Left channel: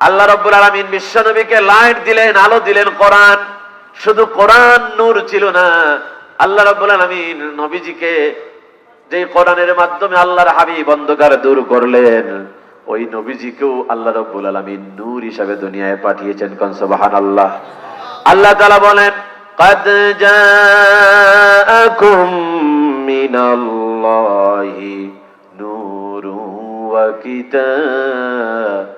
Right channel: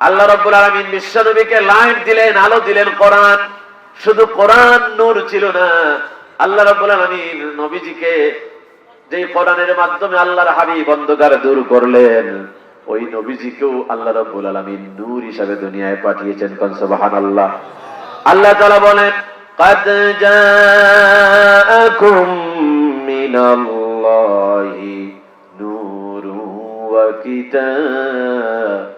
আল্লাহ রব্বুল আলমিন বিশ্বনবীকে লাইট দিলেন আলো দিলেন কোরআন শুধু কোরআন নূর ছিল না আল্লাহ রব্বুল আলমিন নবীজিকে যে কোরআনের মাধ্যমে আল্লাহর হাবিব অন্ধকার দূর করলেন ওই নবীজিকেও আল্লাহ রব্বুল আলমিন নূর হিসাবে দুনিয়ায় পাঠিয়েছেন কনসবাহান আল্লাহ আল্লাহ তালা বলেন قد جاءكم من الله نور وكتاب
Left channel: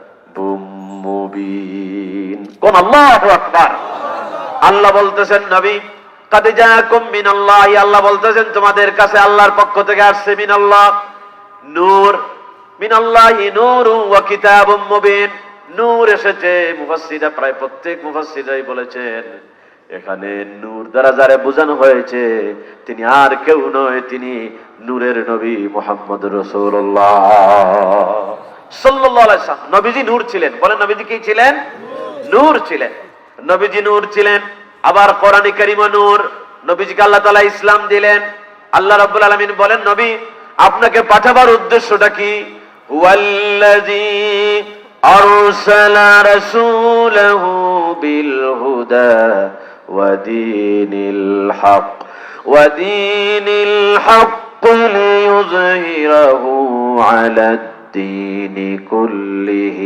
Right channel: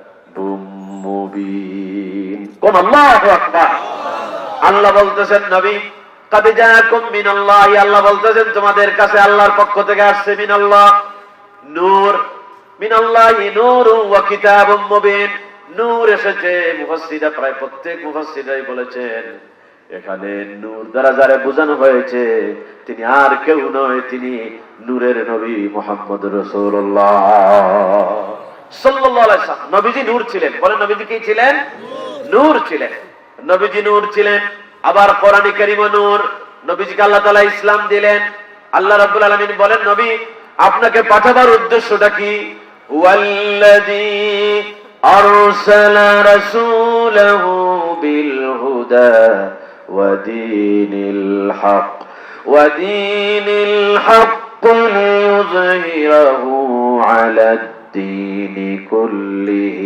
কোন আল্লাহু আল্লাহ বলতেছেন, নবী, কাদে জায়াকুম মিনাল্লাহ। আল্লাহ বলতেছেন, তোমাদের কাছে আল্লাহর পক্ষ থেকে আসছে মিনাল্লাহ। নূর, মিনাল্লাহি নূরু ওয়া কিতাবুম মুবিন। নূর এসেছে, মুফাসসিরা প্রায় প্রত্যেক মুফাসসিরাই বলেছেন, এখানে নূর দ্বারা যারে বোঝানো হয়েছে, তিনি আর কেউ নয়, তিনি নূরের নবী মোহাম্মদ রসুল্লাহ সাল্লাল্লাহু আলাইহি সাল্লাম নবীজি নূর ছিলেন বলেন নবীজি কি ছিলেন নূর ছিলেন নবীজি নূর ছিলেন আবার কোরআনী কারিমে নূর নবীজিকে আল্লাহ তাআলা ইসলাম দিলেন আল্লাহ রাব্বুল আলামিন বলেন নবী আপনাকে পাঠাবার উদ্দেশ্যটা কি ওয়াল্লাযী আরসালা রাসূলাহু বিল হুদা ওয়া দীনিল হক ওয়া দীনিল হক ليظهره على الدين كله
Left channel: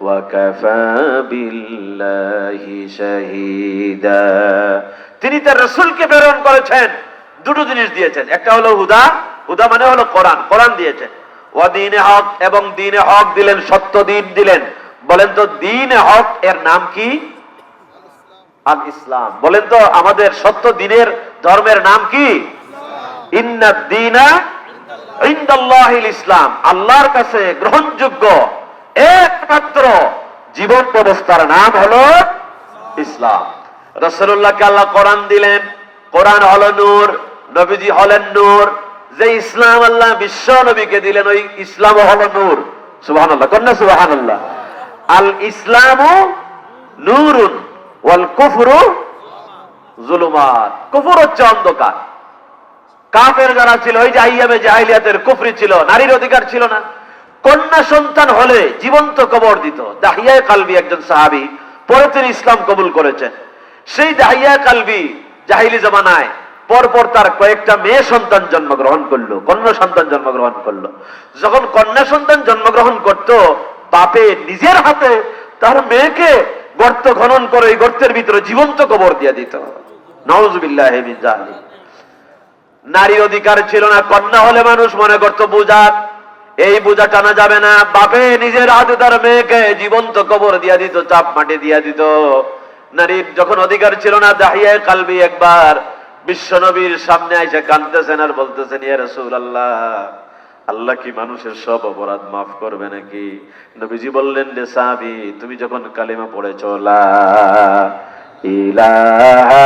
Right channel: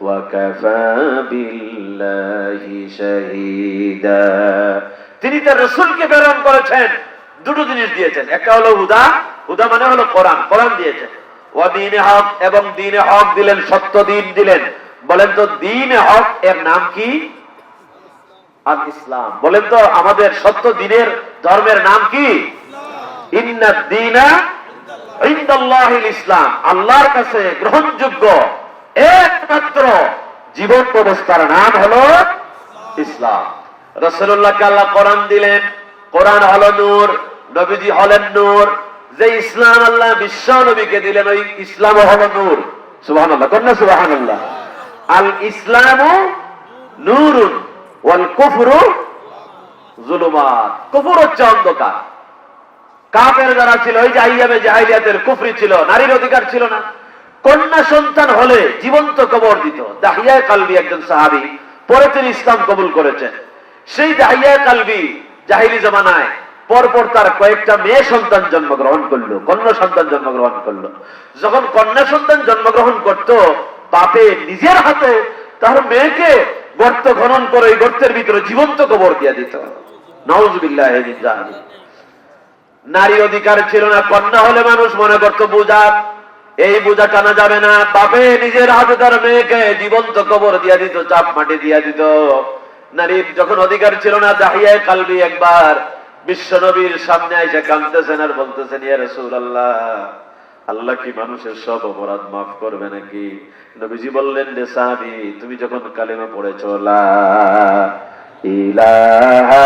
وكفى بالله شهيدا তিনি তার রসুলকে প্রেরণ করেছেন দুটো জিনিস দিয়েছেন একটা হলো হুদা হুদা মানে হলো কোরআন কোরআন দিয়েছেন ও দিনে হক এবং দিনে হক দিলেন সত্য দিন দিলেন বলেন তো দিনে হক এর নাম কি আল ইসলাম বলেন তো আমাদের সত্য দিনের ধর্মের নাম কি ইন্না দিনা ইন্দাল্লাহিল ইসলাম, আল্লাহর কাছে গ্রহণযোগ্য একমাত্র জীবন ব্যবস্থার নাম হলো ইসলাম। রসুল্লাহকে আল্লাহ কোরআন দিলেন, কোরআন হলো নূর, নবীজি হলেন নূর। যে ইসলাম আল্লাহ বিশ্ব নবীকে দিলেন, ওই ইসলাম হলো নূর। সুবাহান আল্লাহ কন্যা সুবাহান আল্লাহ আল ইসলাম নূরুন ওয়াল কুফরু জুলুমাত। কুফর হচ্ছে অন্ধকার। কাফের যারা ছিল, ওই যে আইয়ামে জাহিলিয়াতের কুফরি ছিল, নারীর অধিকার ছিল না। কন্যা সন্তান হলে জীবন্ত কবর দিত। দাহিয়া কালবি একজন সাহাবি, পরে তিনি ইসলাম কবুল করেছেন। সেই দাহিয়া কালবি জাহিলি জমানায় পরপর তার কয়েকটা মেয়ে সন্তান জন্মগ্রহণ করল, কন্যা সন্তান জন্মগ্রহণ করল। যখন কন্যা সন্তান জন্মগ্রহণ করত, বাপে নিজের হাতে তার মেয়েকে গর্ত খনন করে গর্তের ভিতরে জীবন্ত কবর দিয়ে দিত। নওয়াজবিল্লাহ নারী অধিকার ছিল না, কন্যা হলে মানুষ মনে করত বোঝা এই বোঝা টানা যাবে না। বাপে নিজের হাতে তার মেয়েকে জীবন্ত কবর দিয়া দিত, চাপ মাটি দিয়া দিত। নারীর যখন অধিকার ছিল না দাহিয়ায় কালবি একবার বিশ্ব নবীর সামনে এসে কানতেছেন আর বলতেছেন, ইয়া রসুল আল্লাহ আল্লাহ কি মানুষের সব অপরাধ মাফ করবে নাকি? নবীজি বললেন রে সাহাবি, তুমি যখন কালিমা পড়েছ, লা ইলাহা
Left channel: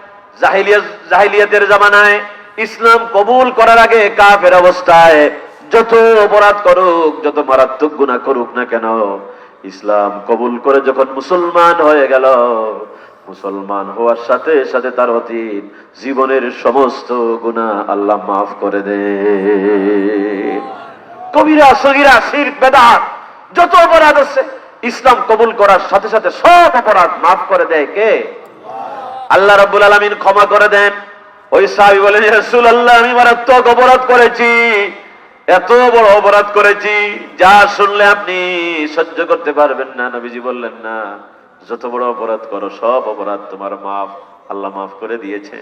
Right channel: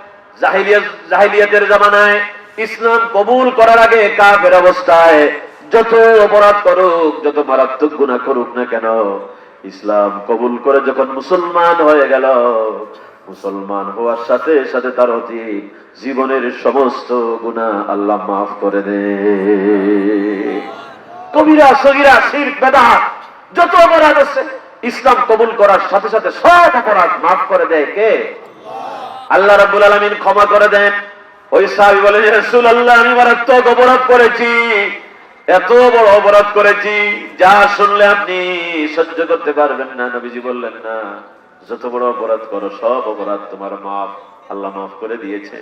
জাহিলিয়াতের জামানায় ইসলাম কবুল করার আগে কাফের অবস্থায় যত অপরাধ করুক, যত মারাত্মক গুনাহ করুক না কেন, ইসলাম কবুল করে যখন মুসলমান হয়ে গেল, মুসলমান হওয়ার সাথে সাথে তার অতীত, জীবনের সমস্ত গুণা আল্লাহ মাফ করে দে। কবিরা, সগিরা শির বেদাত, যত অপরাধ আছে, ইসলাম কবুল করার সাথে সাথে সব অপরাধ মাফ করে দেয় কে? আল্লাহ রাব্বুল আলামিন ক্ষমা করে দেন। ওই সাহাবী বলেন রাসূল আল্লাহ আমি মারাত্মক অপরাধ করেছি। এত বড় অপরাধ করেছি। যা শুনলে আপনি সহ্য করতে পারবেন না। নবীজি বললেন, না, যত বড় অপরাধ করো, সব অপরাধ তোমার মাফ। আল্লাহ মাফ করে দিয়েছে।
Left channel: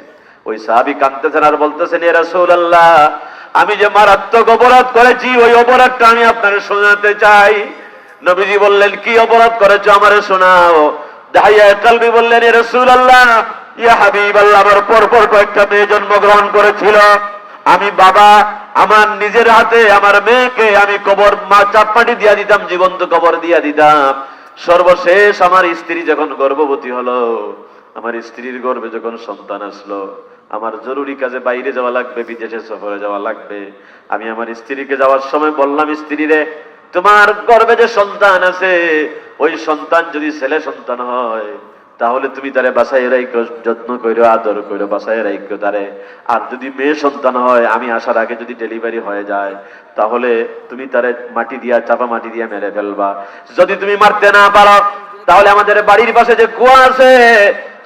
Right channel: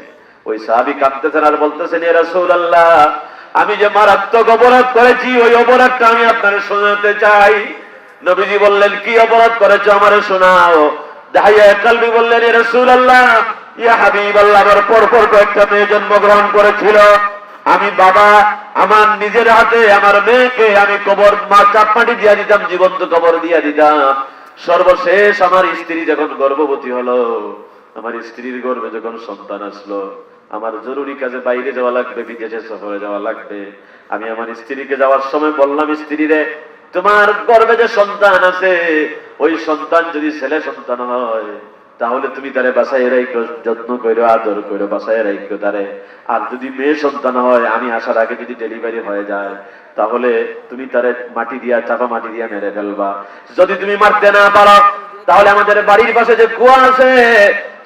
ওই সাহাবী কাঁদতেছেন আর বলতেছেন এ রাসূল আল্লাহ আমি যে মারাত্মক অপরাধ করেছি, ওই অপরাধটা আমি আপনার শোনাতে চাই। নবীজি বললেন, কি অপরাধ করেছ আমারে শোনাও। দাহিয়া কালবি বললেন এ রসুল আল্লাহ ইয়া হাবিব, আল্লাহ আমার পর পর কয়েকটা মেয়ে জন্মগ্রহণ করেছিল। আমি বাবা, আমার নিজের হাতে, আমার মেয়েকে আমি কবর মা চাপমাটি দিয়া দিতাম, জীবন্ত কবর দিয়া দিতাম। সর্বশেষ আমার স্ত্রী যখন গর্ভবতী হলো, আমার স্ত্রীর গর্ভে যখন সন্তান আসলো, আমার জরুরি কাজে বাইরে যাওয়া লাগবে, বিদেশে সফরে যাওয়া লাগবে। আমি আমার স্ত্রীকে যাওয়ার সময় বললাম স্ত্রীরে তোমার গর্ভে যে সন্তান আছে, ওই সন্তান যদি ছেলে সন্তান হয় তাহলে তুমি তারে বাসায় রাইখো যত্ন করো, আদর করো বাসায় রাইখো তারে। আর যদি মেয়ে সন্তান হয়, আমি আসার আগে যদি ডেলিভারি হয়ে যায়, তাহলে তুমি তারে মাটি দিয়া, চাপা মাটি দিয়া মেরে ফেলবা। যদি তুমি মারতে না পারো, তাহলে আমাদের বাড়ির পাশে যে কুয়া আছে,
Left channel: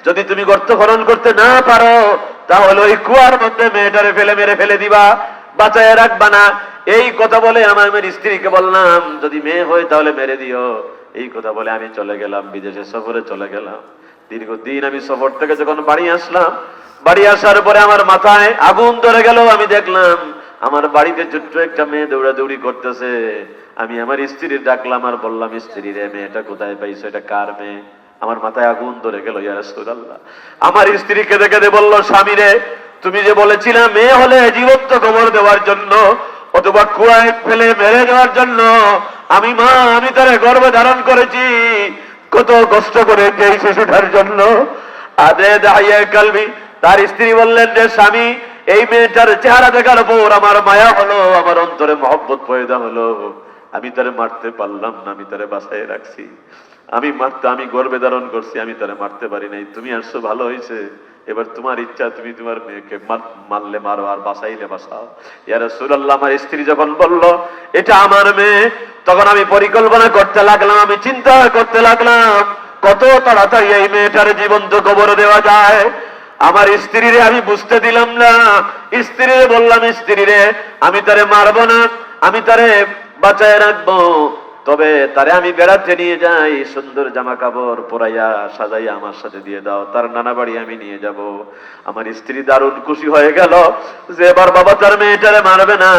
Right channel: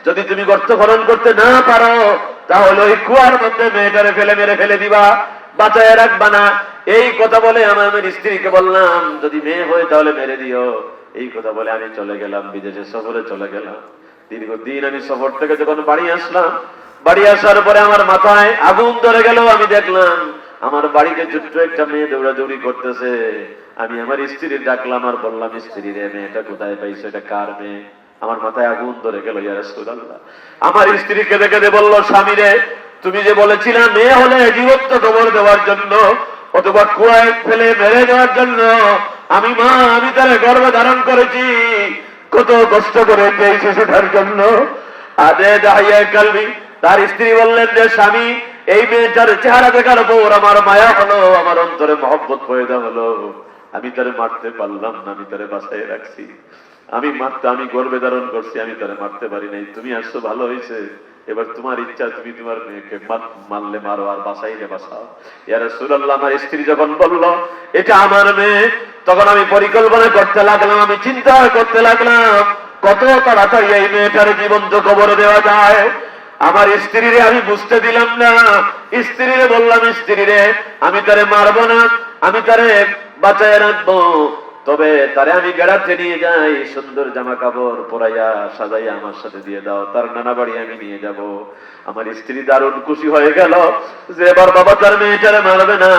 যদি তুমি গর্ত খনন করতে না পারো, তাহলে ওই কুয়ার মধ্যে মেয়েটারে ফেলে মেরে ফেলে দিবা। বাঁচায় রাখবা না। এই কথা বলে আমার মেয়ের স্ত্রীকে বললাম, যদি মেয়ে হয়, তাহলে মেরে দিও। এই কথা বলে আমি চলে গেলাম, বিদেশে সফরে চলে গেলাম। দীর্ঘদিন আমি সফর থেকে যখন বাড়ি আসলাম, বাড়ি আসার পরে আমার মাথায় আগুন ধরে গেল, আমি দেখলাম আমার বাড়িতে ছোট্ট একটা মেয়ে দৌড়াদৌড়ি করতেছে। আমি আমার স্ত্রীর ডাকলাম, আর বললাম, স্ত্রী রে, মেয়েটা কোথায় পাইছে? এটা কার মেয়ে? আমার মাথায় আগুন ধরে গেল আমার স্ত্রী কেঁদে কেঁদে বলল, স্বামী রে, তুমি যে বলেছিলে মেয়ে হলে জীবত্ব খবর দেওয়ার জন্য অথবা কুয়ায় ফেলে মেরে দেওয়ার জন্য, আমি মা, আমি তারে গর্ভে ধারণ করেছি। কত কষ্ট করে এই শিশুটার জন্য। আদে দাহিয়ায় কালবি, তার স্ত্রী বললেন যে, স্বামী, এই মেয়েটার চেহারা দেখার পর আমার মায়া হলো, আমার অন্তরে মহব্বত পয়দা হলো। আমি তারে মারতে পারলাম না, আমি তারে বাসায় রাখছি। আমি মারতে, আমি গর্বে ধারণ করছি, আমি তারে মারতে পারি নাই। তুমি আসছো, ভালো হয়েছে এবার তোমার ইচ্ছা, তুমি তোমার মেয়েকে মারলে মারো আর বাসাইলে বাসাও ইয়ার সুরাল্লাহ আমার স্ত্রী যখন বলল, এটা আমার মেয়ে, তখন আমি পরিকল্পনা করতে লাগলাম, আমি চিন্তা করতে লাগলাম, কত তাড়াতাড়ি এই মেয়েটার জীবন্ত কবর দেওয়া যায়? আমার স্ত্রীরে আমি বুঝতে দিলাম না। স্ত্রীরে বললাম, স্ত্রীরে, আমি তারে মারবো না, আমি তারে বাঁচায় রাখব। তবে তারে আমি বেড়াতে নিয়ে যাই, সুন্দর জামা কাপড় পরাইয়া সাজাইয়া আমার সাথে দিয়ে দাও। তার নানা বাড়ি আমি নিয়ে যাব। আমার স্ত্রী দারুণ খুশি হয়ে গেল যে এবার বাবা তার মেয়েটারে মারবে না।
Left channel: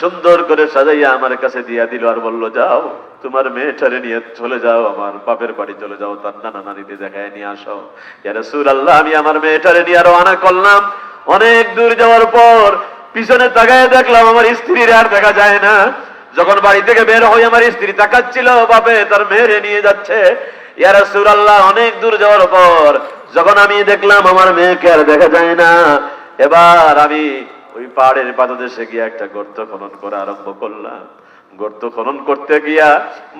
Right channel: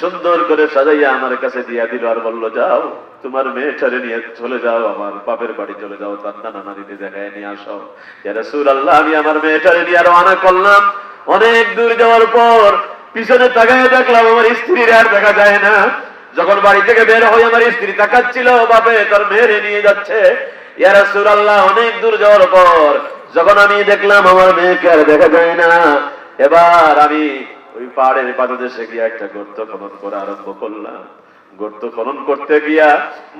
সুন্দর করে সাজাইয়া আমার কাছে দিয়া দিল আর বলল, যাও, তোমার মেয়েটারে নিয়ে চলে যাও, আমার বাপের বাড়ি চলে যাও। তার নানা নানিতে দেখায় নিয়ে আসো। সুর আল্লাহ আমি আমার মেয়েটারে নিয়ে আরও আনা করলাম। অনেক দূর যাওয়ার পর পিছনে তাকায় দেখলাম আমার স্ত্রীর আর দেখা যায় না। যখন বাড়ি থেকে বের হয়ে আমার স্ত্রী তাকাচ্ছিল, বাপে তার মেয়েরে নিয়ে যাচ্ছে। ইয়ারা সুর আল্লাহ অনেক দূর যাওয়ার পর যখন আমি দেখলাম আমার মেয়েকে আর দেখা যায় না, এবার আমি ওই পাহাড়ের পাদদেশে গিয়ে একটা গর্ত খনন করা আরম্ভ করলাম। গর্ত খনন করতে গিয়া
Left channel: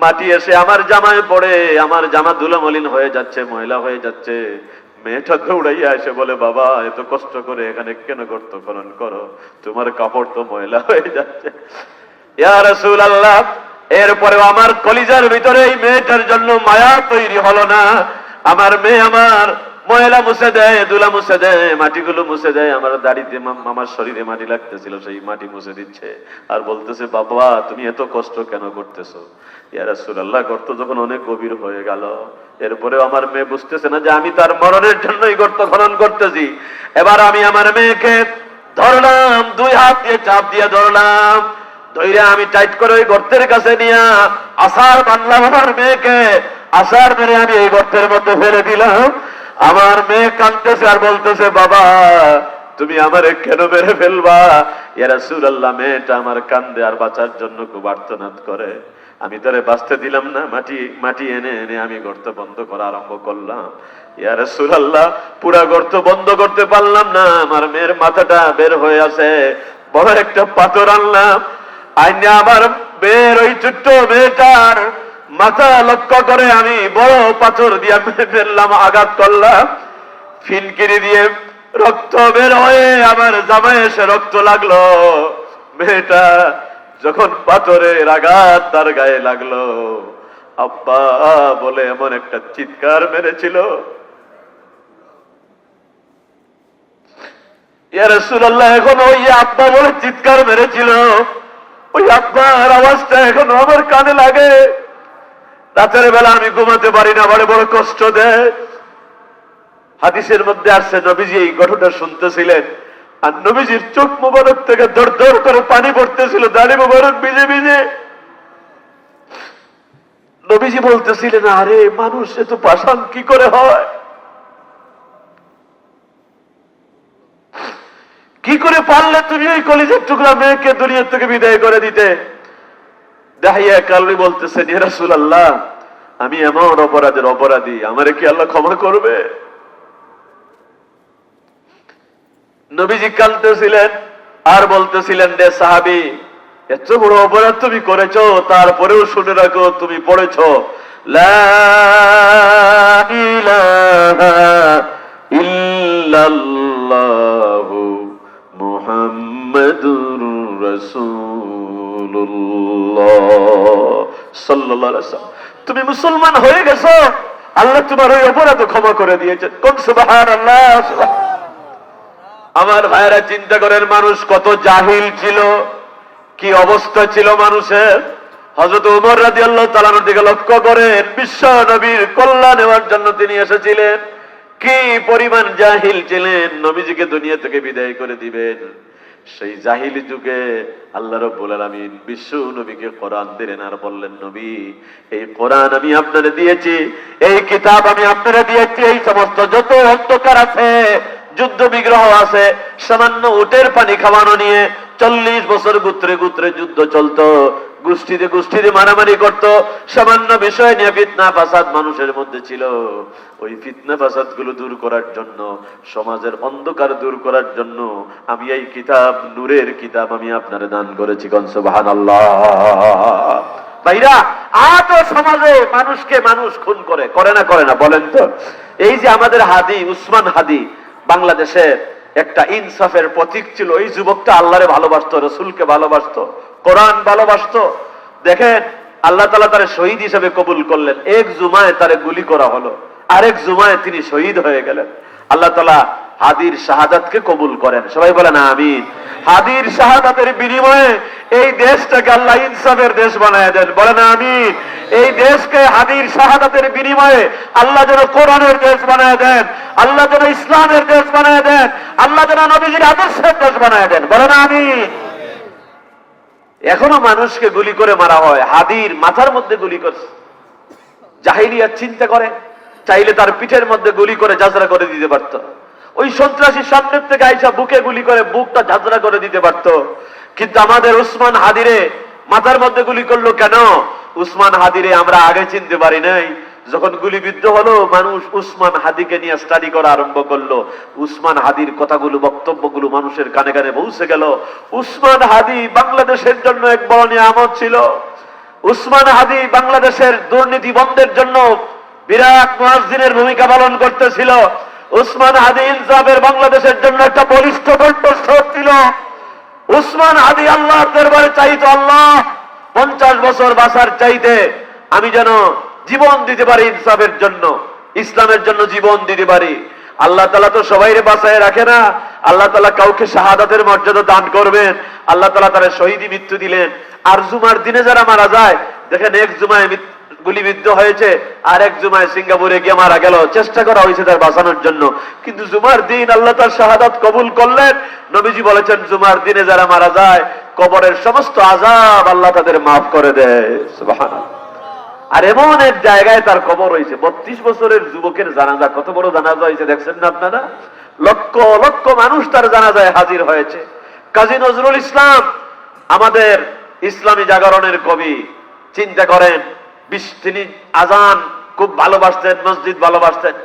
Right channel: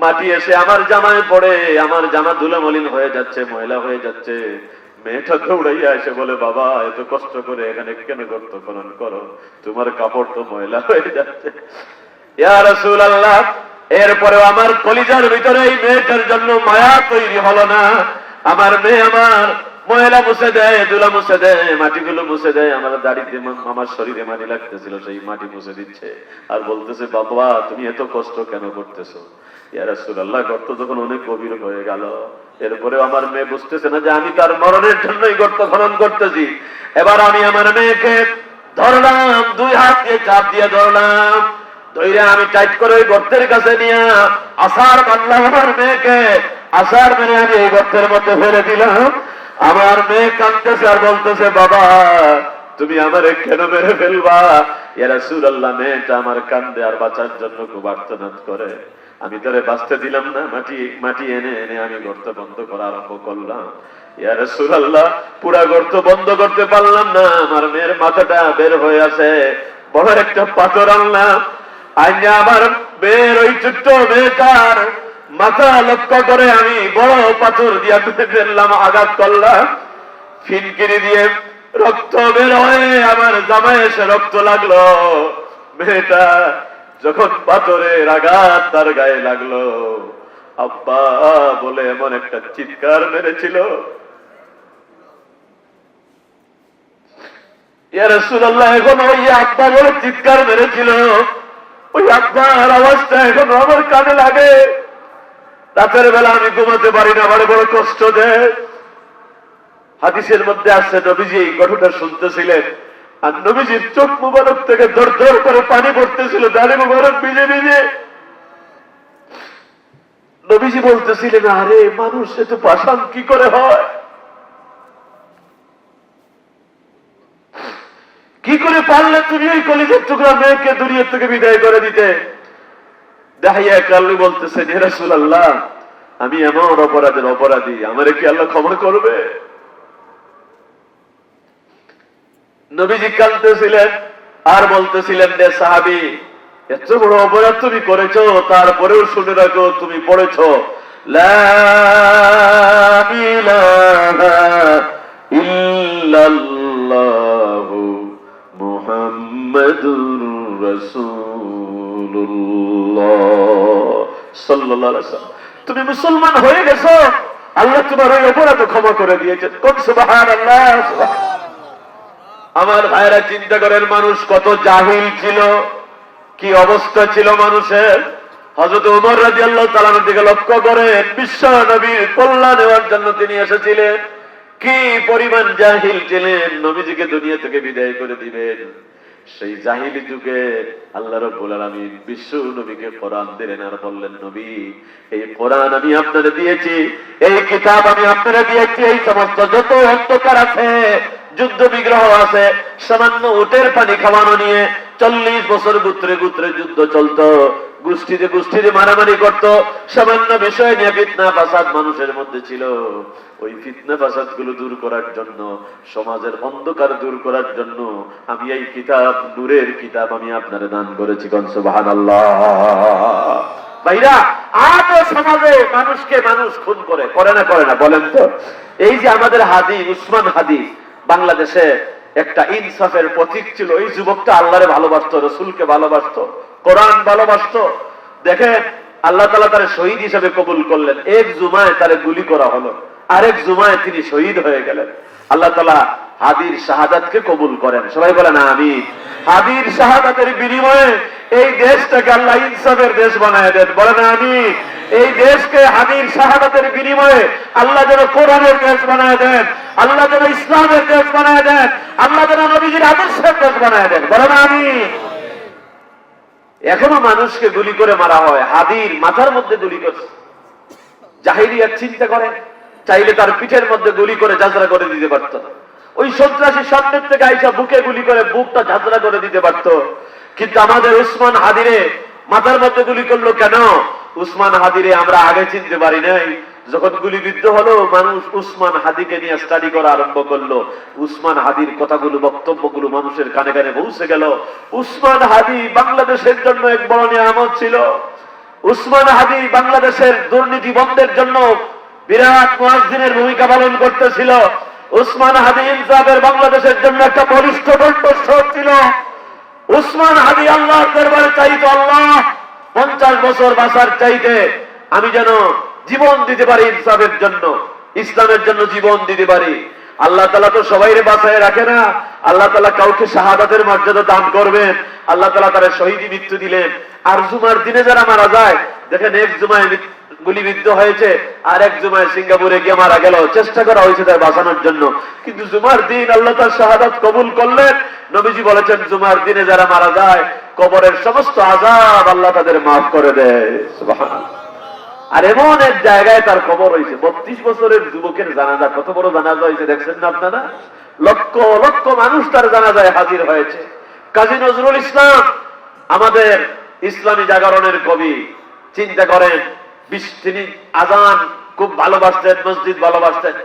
মাটি এসে আমার জামায় পড়ে, আমার জামা ধুলোমলিন হয়ে যাচ্ছে, ময়লা হয়ে যাচ্ছে। মেয়েটা দৌড়াইয়া এসে বলে, বাবা, এত কষ্ট করে এখানে কেন গর্ত খনন করো? তোমার কাপড় তো ময়লা হয়ে যাচ্ছে। রাসূলুল্লাহ এরপরে আমার কলিজার ভিতরে এই মেয়েটার জন্য মায়া তৈরি হলো না। আমার মেয়ে আমার ময়লা মুছে দেয়, দুলা মুছে দেয়, মাটিগুলো মুছে দেয়। আমার দাড়িতে আমার শরীরে মাটি লাগতেছিল, সেই মাটি মুছে দিচ্ছে। আর বলতেছে, বাবা, তুমি এত কষ্ট কেন করতেছো? ইয়া রাসূলুল্লাহ, গর্ত যখন অনেক গভীর হয়ে গেল এরপরে আমার মেয়ে বুঝতেছে না যে আমি তার মরণের জন্যই গর্ত খনন করতেছি। এবার আমি আমার মেয়েকে ধরলাম, দুই হাত দিয়ে চাপ দিয়ে ধরলাম। আমি টাইট করে ওই গর্তের কাছে নিয়ে আসার বানলাম আমার মেয়েকে আসার মেরে আমি এই গর্তের মধ্যে ফেলে দিলাম। আমার মেয়ে কাঁদতেছে আর বলতেছে, বাবা, তুমি আমারে কেন মেরে ফেলবা? এরা সুর আল্লাহ মেয়েটা আমার কান্দে আর বাঁচার জন্য খুব আর্তনাদ করে। আমি তারে বাঁচতে দিলাম না, মাটি মাটি এনে এনে আমি গর্ত বন্ধ করা আরম্ভ করলাম। ইয়ারে সুরাল্লাহ পুরা গর্ত বন্ধ করতে পারলাম না, আমার মেয়ের মাথাটা বের হয়ে আছে বড় একটা পাথর আনলাম বের ওই ছোট্ট মেয়েটার মাথা লক্ষ্য করে আমি বড় পাথর দিয়া ফেললাম, আঘাত করলাম। ফিনকিরি দিয়ে রক্ত বের হয়ে আমার এসে রক্ত লাগল। মেয়েটা যখন পাথরের আঘাত তার গায়ে লাগল, আব্বা বলে এমন একটা চিৎকার মেরেছিল। এখন ওই আব্বা বলে চিৎকার মেরেছিল। ওই আব্বার আওয়াজটা এখন আমার কানে লাগে। রাতের বেলা আমি ঘুমাতে পারি না বড় বড় কষ্ট দেয় হাদিসের মধ্যে আসছে নবীজি এই ঘটনা শুনতেছিলেন। আর নবীজির চোখ মুবারক থেকে দর দর করে পানি পড়তেছিল, দাড়ি মুবারক ভিজে ভিজে। নবীজি বলতেছিলেন, আরে, মানুষ এত পাষাণ কি করে হয় কি করে পারলে তুমি ওই কলেজের টুকরা মেয়েকে দুনিয়ার থেকে বিদায় করে দিতে। দেখাইয়া কাল্লি বলতেছে যে রাসূলুল্লাহ, আমি এমন অপরাধের অপরাধী, আমারে কি আল্লাহ ক্ষমা করবে? নবীজি কাঁদতেছিলেন আর বলতেছিলেন, রে সাহাবি, এত বড় অপরাধ তুমি করেছ, তারপরেও শুনে রাখো, তুমি পড়েছ ইল্লাল্লাহু। মুহাম্মাদুর রাসূলুল্লাহ। তুমি মুসলমান হয়ে গেছো। আল্লাহ তোমার ওই অপরাধ ক্ষমা করে দিয়েছেন কোন সুবহানাল্লাহ আমার ভাইরা চিন্তা করেন, মানুষ কত জাহিল ছিল, কি অবস্থা ছিল মানুষের? হজরত উমর রাজি আল্লাহ তালানোর দিকে লক্ষ্য করেন বিশ্ব নবীর কল্যাণ নেওয়ার জন্য তিনি এসেছিলেন। কি পরিমাণ জাহিল ছিলেন? নবীজিকে দুনিয়া থেকে বিদায় করে দিবেন। সেই জাহিলি যুগে আল্লাহ রব্বুল আলমিন বিশ্ব নবীকে কোরআন দিলেন আর বললেন, নবী, এই কোরআন আমি আপনারা দিয়েছি, এই কিতাব আমি আপনারা দিয়েছি, এই সমস্ত যত অন্ধকার আছে, যুদ্ধ বিগ্রহ আছে, সামান্য উটের পানি খাওয়ানো নিয়ে চল্লিশ বছর গুত্রে গুত্রে যুদ্ধ চলতো গোষ্ঠীতে গোষ্ঠীতে মারামারি করত। সামান্য বিষয় নিয়ে ফিতনা ফাসাদ মানুষের মধ্যে ছিল। ওই ফিতনা ফাসাদগুলো দূর করার জন্য, সমাজের অন্ধকার দূর করার জন্য আমি এই কিতাব, নূরের কিতাব আমি আপনার দান করেছি কনসবাহান আল্লাহ ভাইরা আজ সমাজে মানুষকে মানুষ খুন করে করে না করে না, বলেন তো। এই যে আমাদের হাদি, উসমান হাদি, বাংলাদেশে একটা ইনসাফের প্রতীক ছিল। এই যুবকটা আল্লাহরে ভালোবাসতো, রসুলকে ভালোবাসতো। কোরআন ভালোবাসতো। দেখেন, আল্লাহ তালা তারে শহীদ হিসেবে কবুল করলেন। এক জুমায় তারে গুলি করা হলো। আরেক জুমায় তিনি শহীদ হয়ে গেলেন। আল্লাহ তালা হাদির শাহাদাতকে কবুল করেন। সবাই বলেন আমি হাদির শাহাদাতের বিনিময়ে এই দেশটাকে আল্লাহ ইনসাফের দেশ বানায় দেন। বলেন আমি এই দেশকে হাদির শাহাদাতের বিনিময়ে আল্লাহ যেন কোরআনের দেশ বানায় দেন, আল্লাহ যেন ইসলামের দেশ বানায় দেন, আল্লাহ যেন নবীজির আদর্শের দেশ বানায় দেন। বলেন আমি এখনও মানুষকে গুলি করে মারা হয়, হাদির মাথার মধ্যে গুলি করছে। জাহিরিয়া চিন্তা করে, চাইলে তার পিঠের মধ্যে গুলি করে যাত্রা করে দিতে পারত ওই সন্ত্রাসী সামনের থেকে আইসা বুকে গুলি করে, বুকটা ঝাঁঝরা করে দিতে পারত। কিন্তু আমাদের উসমান হাদিরে মাথার মধ্যে গুলি করল কেন? উসমান হাদিরে আমরা আগে চিনতে পারি নাই। যখন গুলিবিদ্ধ হলো, মানুষ উসমান হাদিকে নিয়ে স্টাডি করা আরম্ভ করল। উসমান হাদির কথাগুলো, বক্তব্যগুলো মানুষের কানে কানে পৌঁছে গেল। উসমান হাদি বাংলাদেশের জন্য এক বড় নিয়ামত ছিল। উসমান হাদি বাংলাদেশের দুর্নীতি বন্ধের জন্য বিরাট মুয়াজ্জিনের ভূমিকা পালন করতেছিল। উসমান হাদি ইনসাফের বাংলাদেশের জন্য একটা বলিষ্ঠ কণ্ঠস্বর ছিল। উসমান হাদি আল্লাহর দরবারে চাইতো, আল্লাহ, পঞ্চাশ বছর বাসার চাইতে আমি যেন জীবন দিতে পারি ইনসাফের জন্য, ইসলামের জন্য জীবন দিতে পারি। আল্লাহ তালা তো সবাই বাসায় রাখে না। আল্লাহ তালা কাউকে শাহাদাতের মর্যাদা দান করবেন। আল্লাহ তালা তারা শহীদী মৃত্যু দিলেন। আর জুমার দিনে যারা মারা যায়, দেখেন এক জুমায় গুলিবিদ্ধ হয়েছে, আর এক জুমায় সিঙ্গাপুরে গিয়ে মারা গেল। চেষ্টা করা হয়েছে তার বাঁচানোর জন্য। কিন্তু জুমার দিন আল্লাহ তার শাহাদাত কবুল করলেন। নবীজি বলেছেন, জুমার দিনে যারা মারা যায়, কবরের সমস্ত আজাব আল্লাহ তাদের মাফ করে দেয়। সুবহানাল্লাহ। আর এমন এক জায়গায় তার কবর হয়েছে বত্রিশ বছরের যুবকের জানাজা, কত বড় জানাজা হয়েছে দেখছেন না আপনারা? লক্ষ লক্ষ মানুষ তার জানাজায় হাজির হয়েছে। কাজী নজরুল ইসলাম, আমাদের ইসলামী জাগরণের কবি, চিন্তা করেন তিনি আজান খুব ভালোবাসতেন, মসজিদ ভালোবাসতেন।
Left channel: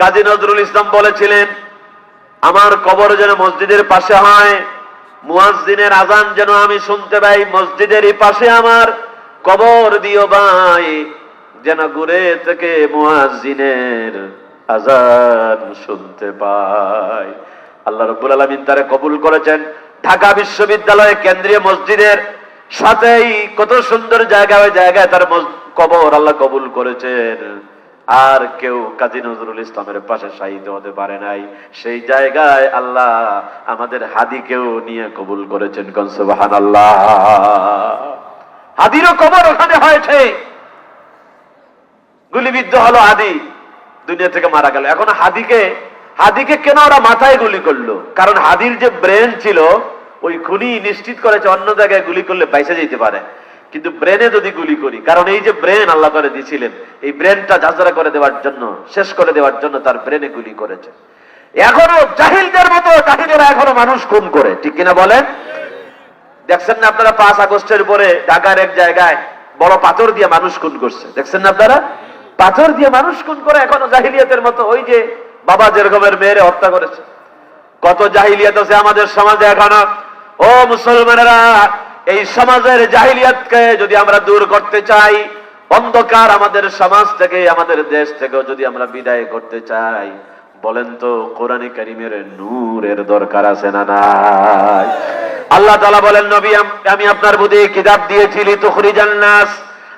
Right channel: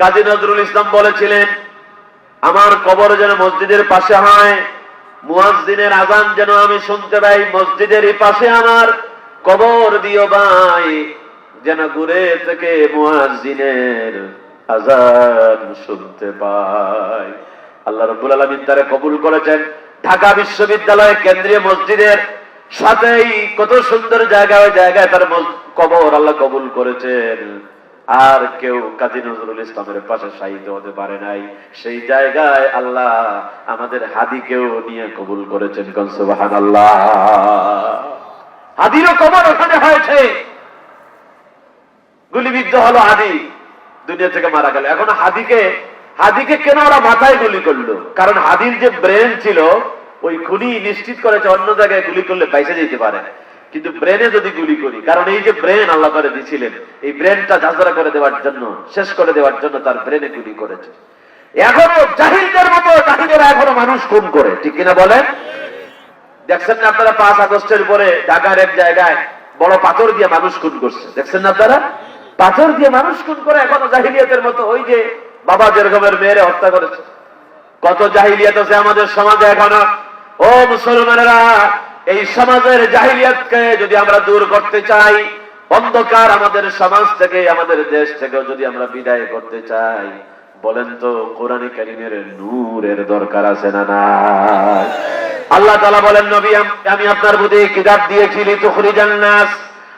কাজী নজরুল ইসলাম বলেছিলেন, আমার কবর যেন মসজিদের পাশে হয়, মুয়াজ্জিনের আজান যেন আমি শুনতে পাই, মসজিদেরই পাশে আমার কবর দিও ভাই, যেন ঘুরে থেকে মুয়াজ্জিনের আজান শুনতে পাই। আল্লাহ রব্বুল আলমিন তারে কবুল করেছেন। ঢাকা বিশ্ববিদ্যালয় কেন্দ্রীয় মসজিদের সাথেই কত সুন্দর জায়গা, ওই জায়গায় তার কবর আল্লাহ কবুল করেছেন। আর কেউ কাজী নজরুল ইসলামের পাশে শাহিদ হতে পারে নাই। সেই জায়গায় আল্লাহ আমাদের হাদিকেও নিয়ে কবুল করেছেন কনসবাহান আল্লাহ হাদিরও কবর ওখানে হয়েছে। গুলিবিদ্ধ হলো হাদি দুনিয়া থেকে মারা গেল। এখন হাদিকে হাদিকে কেন ওরা মাথায় গুলি করল? কারণ হাদির যে ব্রেন ছিল, ওই খুনি নিশ্চিত করেছে অন্য জায়গায় গুলি করলে বাইসে যেতে পারে। কিন্তু ব্রেনে যদি গুলি করি, কারণ এই যে ব্রেন আল্লাহ করে দিয়েছিলেন এই ব্রেনটা ঝাঁঝরা করে দেওয়ার জন্য, শেষ করে দেওয়ার জন্য তার ব্রেনে গুলি করেছে। এখনও জাহিলদের মতো জাহিলেরা এখনও মানুষ খুন করে, ঠিক কিনা বলেন? দেখছেন না আপনারা পাঁচ আগস্টের পরে ঢাকার এক জায়গায় বড় পাথর দিয়ে মানুষ খুন করছে? দেখছেন না আপনারা? পাথর দিয়ে মানুষ খুন করে এখনও জাহিলিয়াতের মতো ওই যে বাবা যেরকমের মেয়েরে হত্যা করেছে। কত জাহিলিয়াত আছে আমাদের সমাজে এখনও। ও মুসলমানেরা, এই সমাজের জাহিলিয়াতকে যদি আমরা দূর করতে চাই, অন্ধকার আমাদের সমাজ থেকে, আমাদের দেশ থেকেও যদি আমরা বিদায় করতে চাই বলেন তো, কোরআনে কারিমের নূরের দরকার আছে না নাই? আল্লাহ তালা বলেন, নবী, আমি আপনার বুঝে কিতাব দিয়েছি, লিতুখরিজান নাস।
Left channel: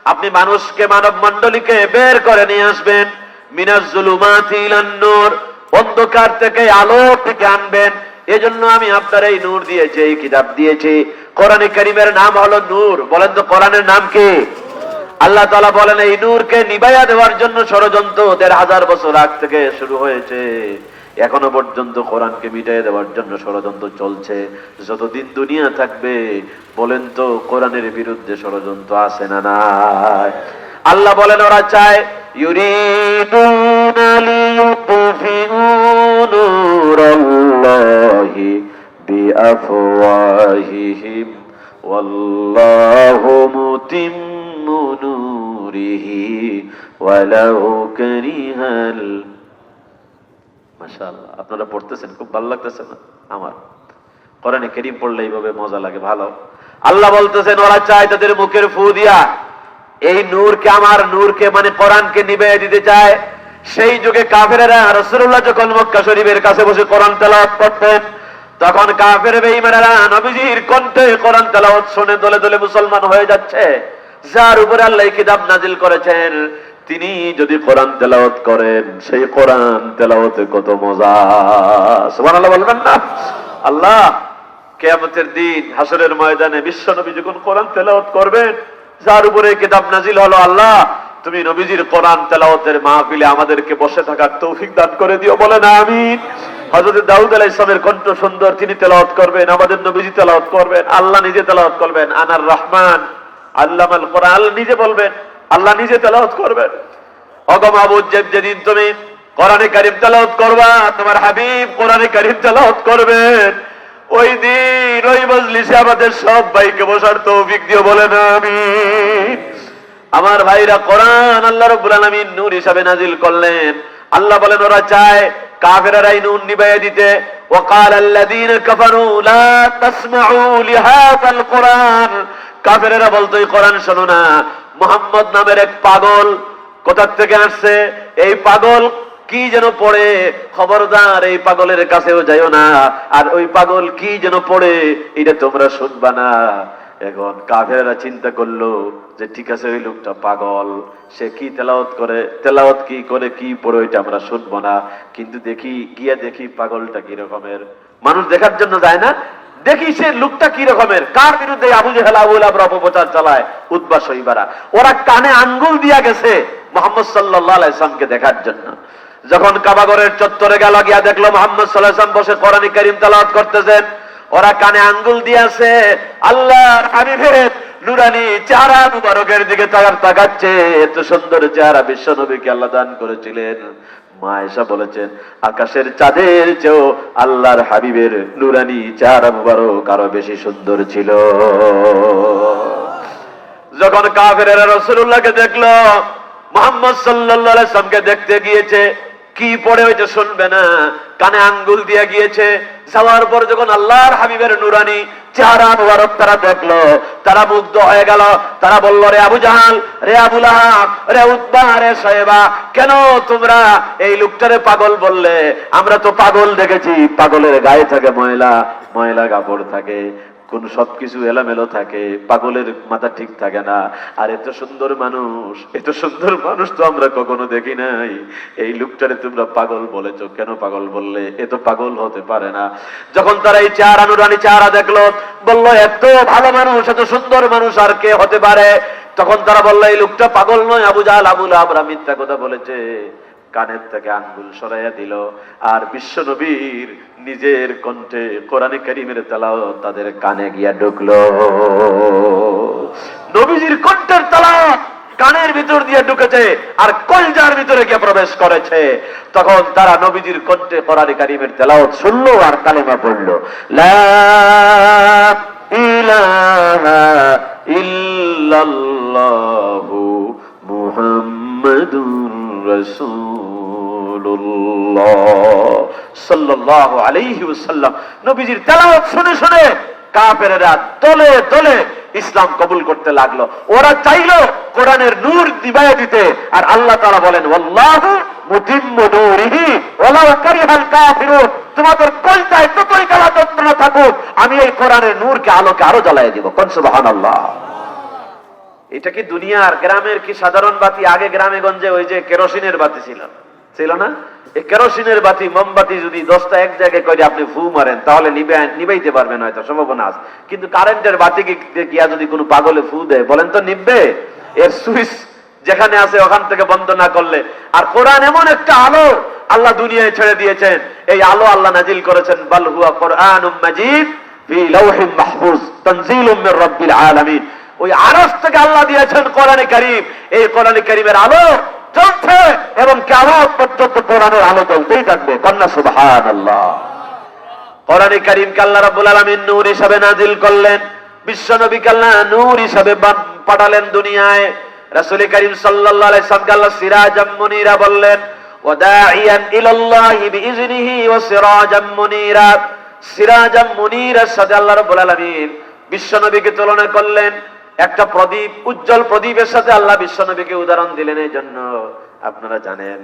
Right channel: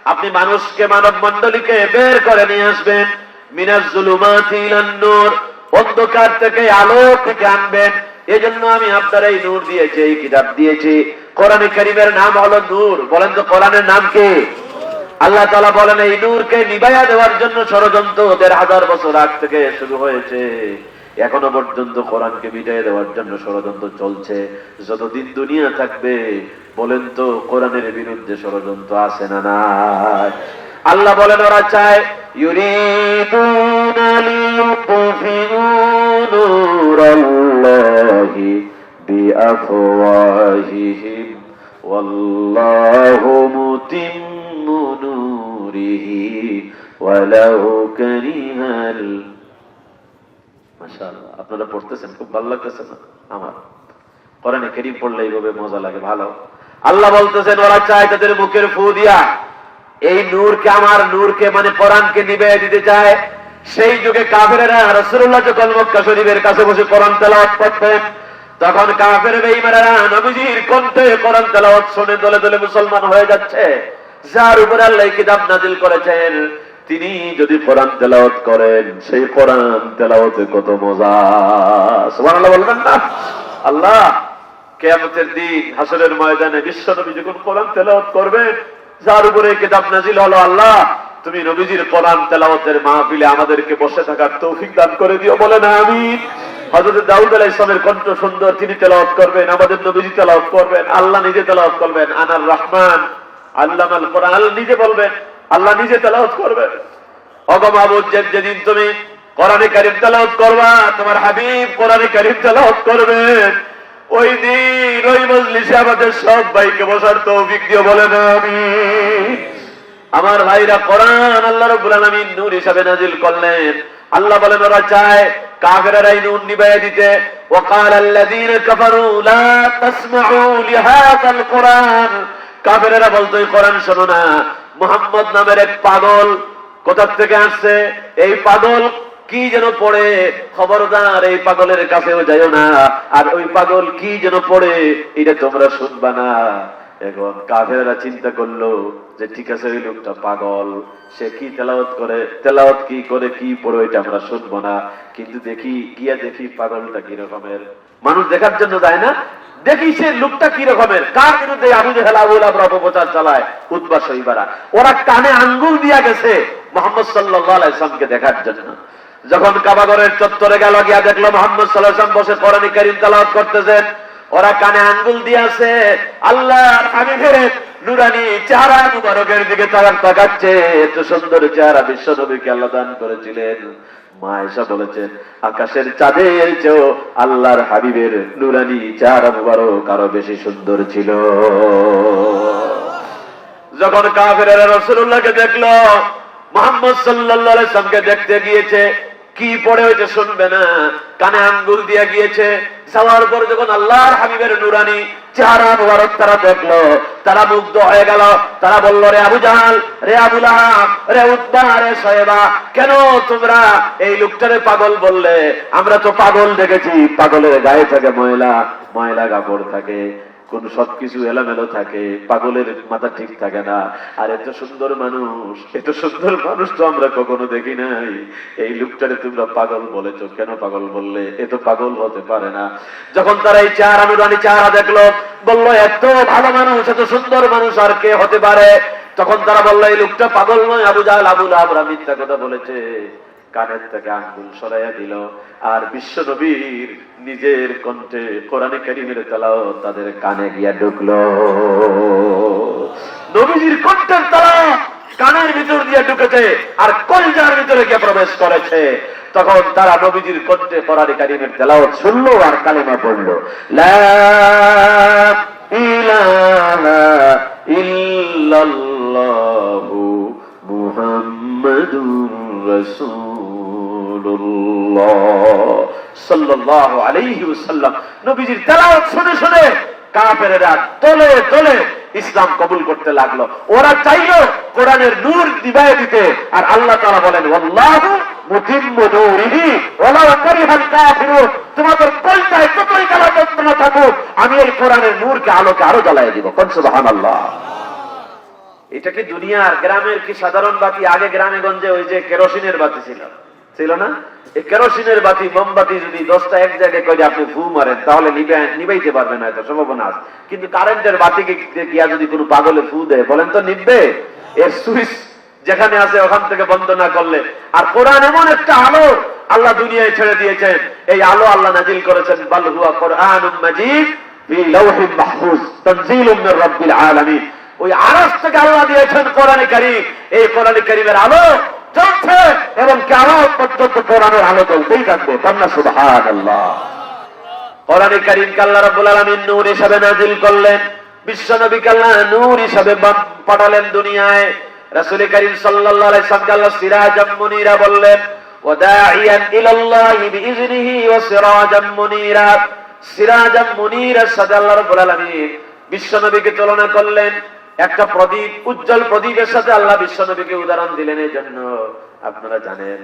আপনি মানুষকে মানব মন্ডলীকে বের করে নিয়ে আসবেন। মিনাজ জুলুমাতি ইলান নূর। অন্ধকার থেকে আলো থেকে আনবেন। এজন্য আমি আপনার এই নূর দিয়েছি, এই কিতাব দিয়েছি। কোরআনে কারিমের নাম হলো নূর। বলেন তো, কোরআনের নাম কি? আল্লাহ তালা বলেন, এই নূরকে নিবাইয়া দেওয়ার জন্য ষড়যন্ত্র ওদের হাজার বছর আগ থেকে শুরু হয়েছে। এখনও পর্যন্ত কোরআনকে মিটাই দেওয়ার জন্য ষড়যন্ত্র চলছে। যতদিন দুনিয়া থাকবে, বলেন তো, কোরআনের বিরুদ্ধে ষড়যন্ত্র আছে না আল্লাহ বলেন, ওরা চায় نوره ولو كره ال- মাশাআল্লাহ আপনারা পড়তেছেন খুব ভালো লাগতেছে না আমার কোরআনে কেরিম পড়লে এইভাবে মজা লাগে ভালো আল্লাহ বলতেছেন ওরা চায় তাদের মুখের ফু দিয়া এই নূরকে আমার নূরকে মানে কোরআনকে নিবে দিতে চায় সেই যুগে কাফেরেরা রাসূলুল্লাহ যখন মক্কা শরীফের কাছে বসে কোরআন তেলাওয়াত করতেন তখন কাফের বেঈমানেরা নবীজির কণ্ঠে কোরআন তেলাওয়াত শুনে দলে দলে মুসলমান হয়ে যাচ্ছে যার উপরে আল্লাহ কিতাব নাজিল করেছেন, তিনি যদি কোরআন তেলাওয়াত করেন, সেই কোরআন তেলাওয়াতে কত মজা। বলবেন না? আল্লাহ, কেয়ামতের দিন হাসরের ময়দানে বিশ্ব নবী যখন কোরআন তেলাওয়াত করবেন, যার উপরে কিতাব নাজিল হলো, আল্লাহ, তুমি নবীজির কোরআন তেলাওয়াতের মাহফিলে আমাদেরকে বসে থাকার তৌফিক দান করে দিও বলে না আমি হজরত দাউদ আলাহ ইসলামের কণ্ঠ সুন্দর, তিনি তেলাওয়াত করবেন, আমাদের নবীজি তেলাওয়াত করবেন, আল্লাহ নিজে তেলাওয়াত করবেন, আনার রহমান কোরআন নিজে বলবেন আল্লাহ নিজে করবেন যেদিন তুমি কোরআনে কারিম করবা, তোমার হাবিব কোরআনে কারিম করবেন ওই দিন, ওই মজলিসে আমাদের সব ভাইকে বসার তৌফিক দিয়ে বলেন আমি। আমার ভাইরা কোরআন আল্লাহ রব্বুল আলামিন নূর হিসাবে নাজিল করলেন। আল্লাহ বলেন, ওরা চায় কাফেরারাই নূর নিবাইয়া দিতে। ওয়াকাল আল্লাযীনা কাফারু লা তাসমাউ লিহাযাল কোরআন। কাফেরেরা বলতো কোরআন শোনো না, মোহাম্মদ নামের এক পাগল কোথার থেকে আসছে? এই পাগল কি যেন পড়ে? খবরদার, এই পাগলের কাছেও যাইও না। আর ওই পাগল কি যেন পড়ে, এটা তোমরা শুনবা না। এখন কাফেরা চিন্তা করল যে, ঠিক আছে, ওই লোকটা পাগল। সে কি তেলাওয়াত করে? তেলাওয়াত কি করে, কি পড়ে ওইটা আমরা শুনব না। কিন্তু দেখি, গিয়ে দেখি পাগলটা কি রকমের মানুষ দেখার জন্য যায় না দেখি সে লোকটা কি রকমের। কার বিরুদ্ধে আবু জেহেল আবুল আবর অপপ্রচার চালায়? উদ্বাস হইবারা ওরা কানে আঙ্গুল দিয়া গেছে মোহাম্মদ সাল্লাহ ইসলামকে দেখার জন্য। যখন কাবাগরের চত্বরে গেল, গিয়া দেখল মোহাম্মদ সাল্লাহ বসে কোরআন করিম তালাওয়াত করতেছেন। ওরা কানে আঙ্গুল দিয়েছে আল্লাহ আমি ফেরে নুরানি চেহারা মুবারকের দিকে তাকার তাকাচ্ছে, এত সুন্দর চেহারা বিশ্ব নবীকে আল্লাহ দান করেছিলেন। মা এসা বলেছেন, আকাশের চাঁদের চেয়েও আল্লাহর হাবিবের নুরানি চেহারা মুবারক কারও বেশি সুন্দর ছিল। যখন কাফেরা রসুল্লাহকে দেখল, মোহাম্মদ সাল্লাহ দেখতে গিয়েছে কি পড়ে ওইটা শুনবে না? কানে আঙ্গুল দিয়ে গিয়েছে। যাওয়ার পর যখন আল্লাহর হাবিবের নুরানি চেহারা মুবারক তারা দেখল, তারা মুগ্ধ হয়ে গেল। তারা বলল, রে আবু জাহাল, রে আবুল রে উদ্বা রে কেন তোমরা এই লোকটারে পাগল বললে? আমরা তো পাগল দেখেছি, পাগলের গায়ে থাকে ময়লা ময়লা কাপড় থাকে। কোন সবকিছু এলামেলো থাকে, পাগলের মাথা ঠিক থাকে না। আর এত সুন্দর মানুষ, এত সুন্দর মানুষ তো আমরা কখনো দেখি নাই। এই লোকটারে তোমরা পাগল বলেছ, কেন পাগল বললে? এ তো পাগল হতে পারে না। যখন তারা এই চার অনুরানী চারা দেখল, বলল, এত ভালো মানুষ, এত সুন্দর মানুষ আর কে হতে পারে? তখন তারা বলল, এই লোকটা পাগল নয়, আবু জাল আবুল আমরা মিথ্যা কথা বলেছে। কানের থেকে আঙ্গুল সরাইয়া দিল। আর বিশ্ব নবীর নিজের কণ্ঠে কোরআনে কারিমের তালাও তাদের কানে গিয়া ঢুকলো। নবীজির কণ্ঠের তালা কানের ভিতর দিয়ে ঢুকেছে আর কলজার ভিতরে গিয়ে প্রবেশ করেছে। তখন তারা নবীজির কণ্ঠে কোরআনে কারিমের তেলাওয়াত শুনলো আর কালেমা পড়ল। ইলাহা ইল্লাল্লাহু মুহাম্মাদুর নবীজির তেলাওয়াত শুনে শুনে ইসলাম কবুল করতে লাগল। ওরা চাইলো কোরআনের নূর দিবায় দিতে। আর আল্লাহ তাআলা বলেন এটা কি দুনিয়ার গ্রামের কি সাধারণ বাতি? আগে গ্রামে গঞ্জে ওই যে কেরোসিনের বাতি ছিল। ছিল না? এই কেরোসিনের বাতি, মোমবাতি যদি দশটা এক জায়গায় করে আপনি ফু মারেন, তাহলে নিবাইতে পারবেন হয়তো সম্ভাবনা আছে। কিন্তু কারেন্টের বাতিকে গিয়া যদি কোনো পাগলে ফু দেয়, বলেন তো নিববে এর সুইচ যেখানে আছে, ওখান থেকে বন্ধ না করলে। আর কোরআন এমন একটা আলো আল্লাহ দুনিয়ায় ছেড়ে দিয়েছেন। এই আলো আল্লাহ নাজিল করেছেন, বাল হুয়া কোরআনুম মাজিদ ফি লাউহিন মাহফুজ, তানজিলুম মির রাব্বিল আলামিন। ওই আরস থেকে আল্লাহ দিয়েছেন কোরআনে কারিম। এই কোরআনে কারিমের আলো চলছে এবং কেমন পর্যন্ত কোরআনের আলো চলতেই থাকবে। কন্যা সুবহান আল্লাহ কোরআনে কারিম আল্লাহ রাব্বুল আলামিন নূর হিসাবে নাজিল করলেন। বিশ্ব নবী আল্লাহ নূর হিসাবে পাঠালেন দুনিয়ায়। রাসূল করিম আলাইহি সাল্লাম আল্লাহ সিরাজাম বললেন ওয়াদাইয়ান ইলাল্লাহি বিইজনিহি ওয়া সিরাজাম মুনীরা। সিরাজাম মুনীরের সাথে আল্লাহ রাব্বুল আলামিন বিশ্ব নবীকে তুলনা করলেন। একটা প্রদীপ, উজ্জ্বল প্রদীপের সাথে আল্লাহ বিশ্ব নবীকে উদাহরণ দিলেন, এই জন্য আপনারা জানেন,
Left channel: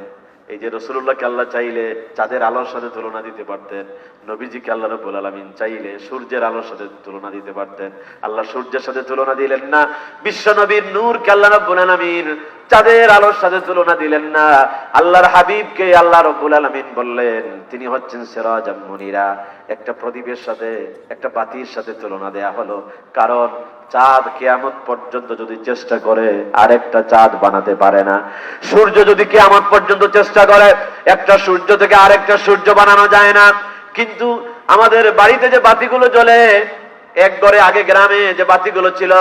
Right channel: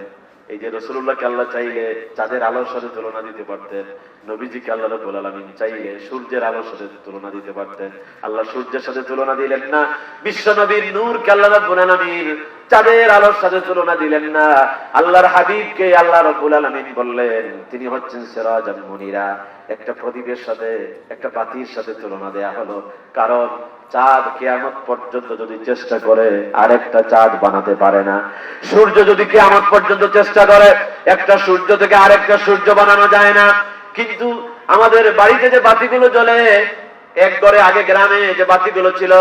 এই যে রসুল্লাহকে আল্লাহ চাইলে চাঁদের আলোর সাথে তুলনা দিতে পারতেন, নবীজিকে আল্লাহ রবুল আলমিন চাইলে সূর্যের আলোর সাথে তুলনা দিতে পারতেন, আল্লাহ সূর্যের সাথে তুলনা দিলেন না বিশ্ব নবীর নূরকে আল্লাহ রব্বুল আলমিন চাঁদের আলোর সাথে তুলনা দিলেন না, আল্লাহর হাবিবকে আল্লাহ রব্বুল আলমিন বললেন, তিনি হচ্ছেন সেরাজ মনিরা, একটা প্রদীপের সাথে, একটা বাতির সাথে তুলনা দেয়া হলো, কারণ চাঁদ কেয়ামত পর্যন্ত যদি চেষ্টা করে, আরেকটা চাঁদ বানাতে পারে না। সূর্য যদি কেয়ামত পর্যন্ত চেষ্টা করে, একটা সূর্য থেকে আরেকটা সূর্য বানানো যায় না। কিন্তু আমাদের বাড়িতে যে বাতিগুলো জ্বলে, এক ঘরে আগে গ্রামে যে বাতিগুলো ছিল,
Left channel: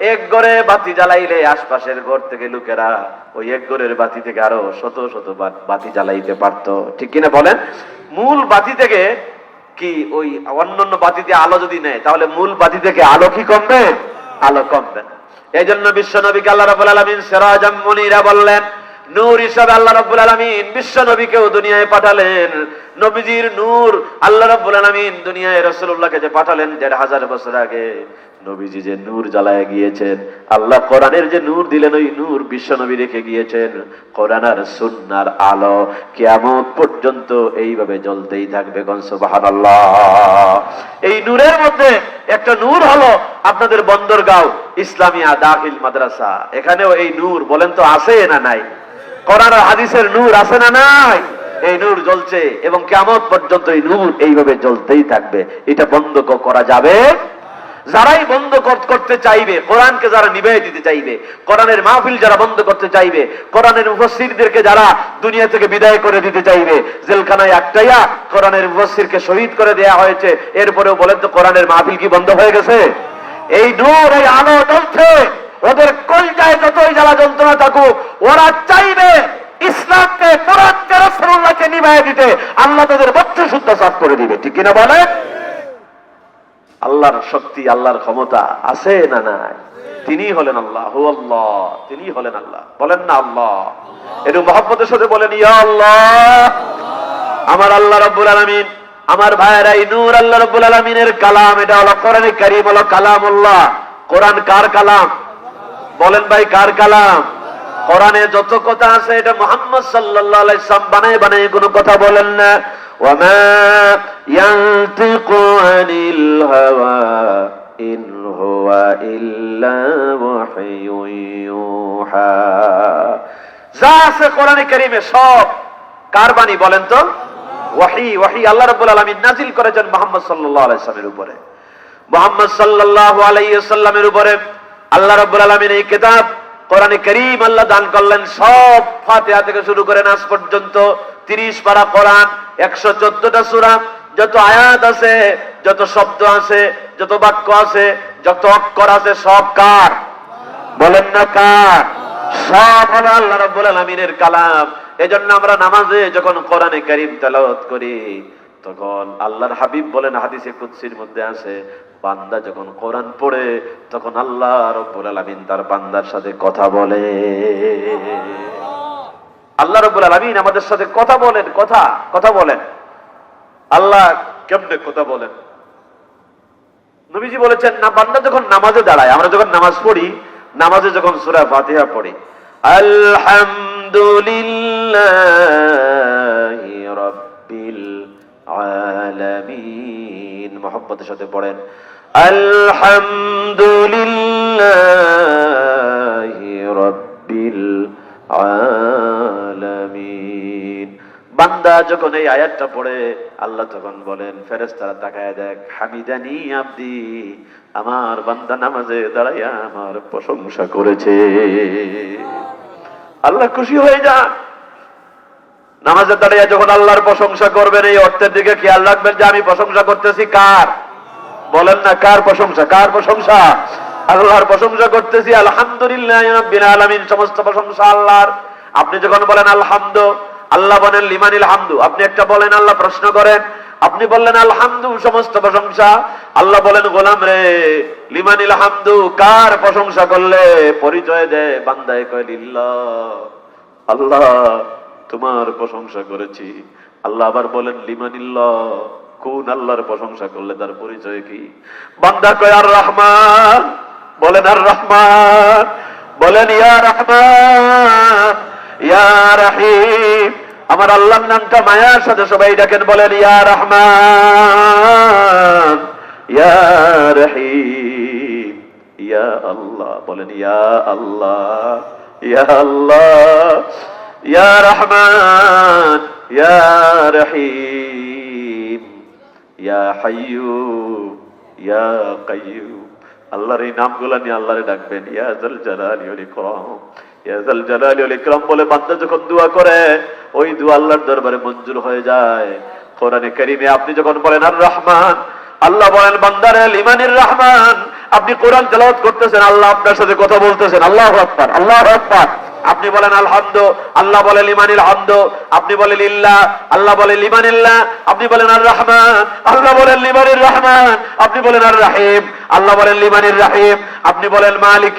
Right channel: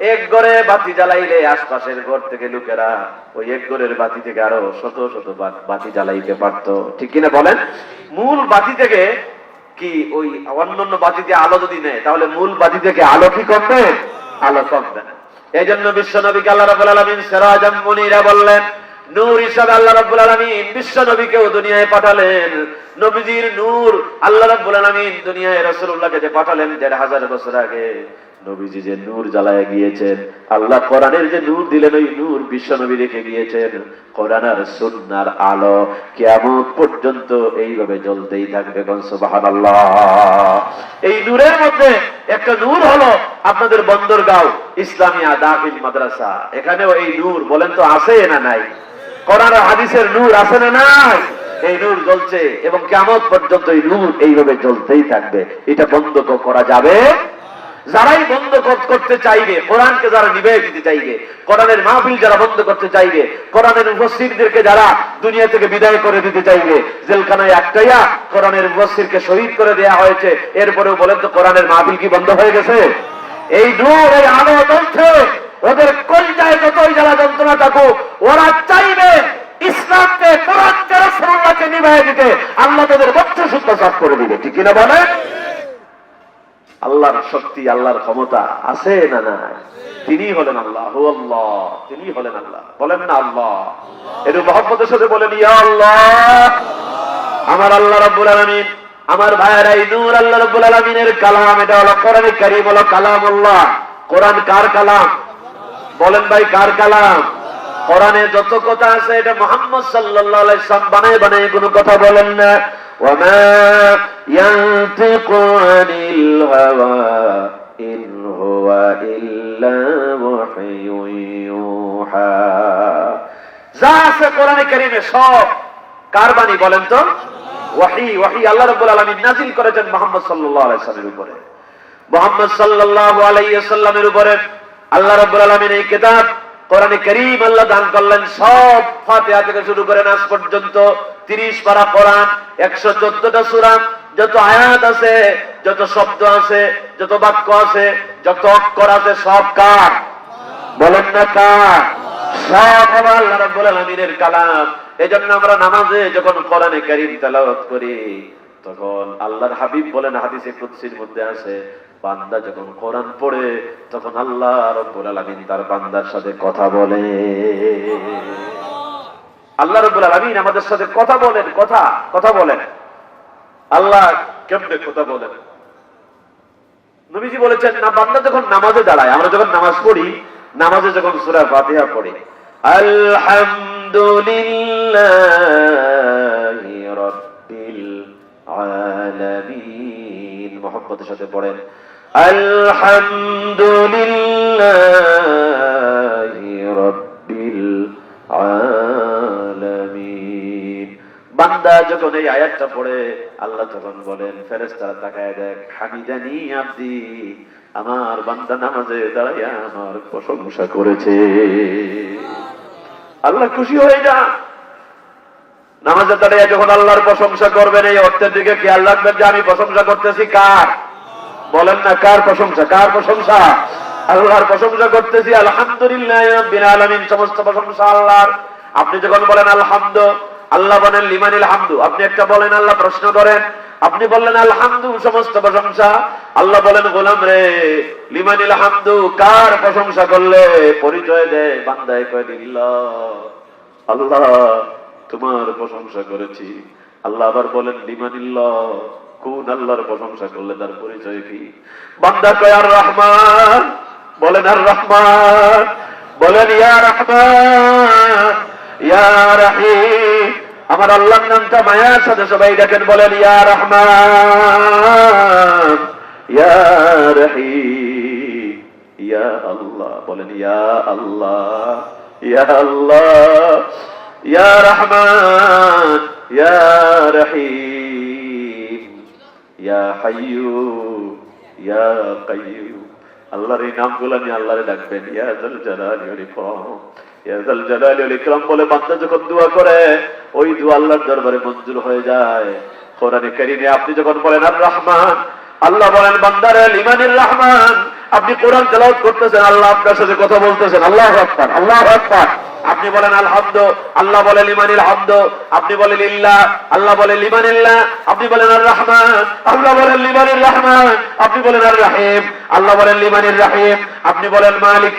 এক ঘরে বাতি জ্বালাইলে আশপাশের ঘর থেকে লোকেরা ওই এক ঘরের বাতি থেকে আরও শত শত বাতি জ্বালাইতে পারতো। ঠিক কিনা বলেন? মূল বাতি থেকে কি ওই অন্যান্য বাতিতে আলো যদি নেয়, তাহলে মূল বাতি থেকে আলো কি কমবে? আলো কমবে না। এই জন্য বিশ্ব সেরাজাম মনিরা বললেন, নূর হিসাবে আল্লাহ রব্বুল আলমিন বিশ্ব নবীকেও দুনিয়ায় পাঠালেন। নবীজির নূর আল্লাহ রব্বুল আলমিন দুনিয়ায় রসুল্লাহকে যে পাঠালেন দেড় হাজার বছর আগে। নবীজি যে নূর জ্বালায় গিয়েছেন, আল্লাহ কোরআনের যে নূর দিলেন, ওই নূর বিশ্ব নবী রেখে গিয়েছেন। কোরআন আর সুন্নার আলো কিয়ামত পর্যন্ত এইভাবে জ্বলতেই থাকবে গন সুবহানাল্লাহ। এই নূরের মধ্যে একটা নূর হলো আপনাদের বন্দরগাঁও, ইসলামিয়া দাখিল মাদ্রাসা। এখানেও এই নূর, বলেন তো, আছে না নাই? কোরআন হাদিসের নূর আছে না নাই? এই নূর জ্বলছে এবং কেমন পর্যন্ত এই নূর এইভাবে জ্বলতেই থাকবে। এটা বন্ধ করা যাবে যারাই বন্ধ কর- করতে চাইবে, কোরআনকে যারা নিবে দিতে চাইবে, কোরআনের মাহফিল যারা বন্ধ করতে চাইবে, কোরআনের উপস্থিতদেরকে যারা দুনিয়া থেকে বিদায় করে দিতে চাইবে, জেলখানায় একটাইয়া কোরআনের উপস্থিতকে শহীদ করে দেয়া হয়েছে, এরপরেও বলেন তো কোরআনের মাহফিল কি বন্ধ হয়ে গেছে? এই নূর, এই আলো চলছে ওদের কলজায় যতই জ্বালা যন্ত্রণা থাকুক, ওরা চাইবে ইসলামকে কোরআনকে রসুল্লাহকে নিভাই দিতে, আল্লাহ তাদের বচ্চা শুদ্ধ সাফ করে দিবে, ঠিক কিনা বলে আল্লাহর শক্তি, আল্লাহর ক্ষমতা আছে না নাই? তিনি হলেন আল্লাহ আল্লাহ, তিনি হলেন আল্লাহ। বলেন না আল্লাহ। একটু মহব্বতের সাথে বলেন, ইয়া আল্লাহ। আমার আল্লাহ রব্বুল আলমিন, আমার ভাইয়েরা, এই নূর আল্লাহ রব্বুল আলমিনের কালাম, এটা হলো কোরআনে কারিম, হলো কালাম আল্লাহ কোরআন কার কালাম? বলেন ভাই, কার কালাম? কোরআনে যত কথা আছে, এটা মোহাম্মদ সাল্লাম বানায় বানায় কোনো কথা বলেন না। ওয়ামা ইয়ানতিকু আনিল হাওয়া ইন হুয়া ইল্লা ওয়াহয়ুন ইউহা যা আছে কোরআনে কারিমে সব কার বলেন তো? ওয়াহি ওয়াহি, আল্লাহ রাব্বুল আলামিন নাজিল করেছেন মুহাম্মদ সাল্লাল্লাহু আলাইহি সাল্লামের উপরে। মোহাম্মদ সাল্লাল্লাহু আলাইহি সাল্লামের উপরে আল্লাহ রাব্বুল আলামিন এই কিতাব, কোরআনে কারীম আল্লাহ দান করলেন, সব ফাতিহা থেকে শুরু করে নাস পর্যন্ত 30 পারা কোরআন 114টা সূরা, যত আয়াত আছে, যত শব্দ আছে, যত বাক্য আছে, যত অক্ষর আছে, সব কার? বলেন না কার? সব হলো আল্লাহ কালাম। এজন্য আমরা নামাজে যখন কোরআনে কারীম করি, তখন আল্লাহর হাবিব বলেন, হাদিসে কুদসির মধ্যে আছে, বান্দা যখন কোরআন পড়ে, তখন আল্লাহ রব্বুল আলামিন তার বান্দার সাথে কথা বলে। আল্লাহ রবুল আলমিন আমাদের সাথে কথা বলেন, কথা কথা বলেন। আল্লাহ কেমনে কথা বলেন? নবীজি বলেছেন, না, বান্দা যখন নামাজে দাঁড়ায়, আমরা যখন নামাজ পড়ি, নামাজে যখন সুরা ফাতিহা পড়ি, আলহামদুলিল্লাহ সাথে পড়েন, আলহামদুলিল্লাহ রাব্বিল বান্দা যখন এই আয়াতটা পড়ে, আল্লাহ তখন বলেন, ফেরেশতারা তাকায় দেখ, হামিদানি আব্দি, আমার বান্দা নামাজে দাঁড়াইয়া আমার প্রশংসা করেছে। আল্লাহ খুশি হয়ে যান। নামাজে দাঁড়িয়ে যখন আল্লাহর প্রশংসা করবেন, এই অর্থের দিকে খেয়াল রাখবেন যে আমি প্রশংসা করতেছি কার? বলেন না, কার প্রশংসা? কার প্রশংসা? আল্লাহর প্রশংসা করতেছি, আলহামদুলিল্লাহ সমস্ত প্রশংসা আল্লাহর। আপনি যখন বলেন আলহামদু, আল্লাহ বলেন লিমানিল হামদু। আপনি একটা বলেন, আল্লাহ প্রশ্ন করেন। আপনি বললেন আলহামদু, সমস্ত প্রশংসা। আল্লাহ বলেন, গোলাম রে, লিমানিল হামদু, কার প্রশংসা করলে পরিচয় দেয় বান্দায় কয় লিল্লাহ আল্লাহ তোমার প্রশংসা করেছি। আল্লাহ আবার বলেন লিমানিল্লাহ কোন আল্লাহর প্রশংসা করলে তার পরিচয় কি? বান্দা কয় আর রহমান বলেন, আর রহমান, বলেন, ইয়া রহমান, ইয়া রহিম। আমার আল্লাহর নামটা মায়ার সাথে সবাই দেখেন বলেন, ইয়া রহমান, ইয়া ইয়া আল্লাহ, বলেন, ইয়া আল্লাহ ইয়া আল্লাহ, ইয়া রহমান, ইয়া রহিম। ইয়া হাইয়ু ইয়া কাইয়ুম। আল্লাহর এই নামগুলো নিয়ে আল্লাহরে ডাকবেন ইয়াজাল জালালি ওয়াল ইকরাম ইয়াজাল জালালি ওয়াল ইকরাম বলে বান্দা যখন দোয়া করে, ওই দোয়া আল্লাহর দরবারে মঞ্জুর হয়ে যায়। কোরআনে কারিমে আপনি যখন বলেন, আর রহমান আল্লাহ বলেন, বান্দার ইমানুল রহমান আপনি কোরআন তেলাওয়াত করতেছেন, আল্লাহ আপনার সাথে কথা বলতেছেন। আল্লাহ আকবার আল্লাহ আকবার। আপনি বলেন আলহামদ, আল্লাহ বলে লিমানিল হামদ, আপনি বলেন ইল্লাহ আল্লাহ বলে লিমানিল্লাহ আপনি বলেন আর রহমান আল্লাহ বলেন লিমানির রহমান, আপনি বলেন আর রাহিম আল্লাহ বলেন লিমানির রাহিম, আপনি বলেন মালিক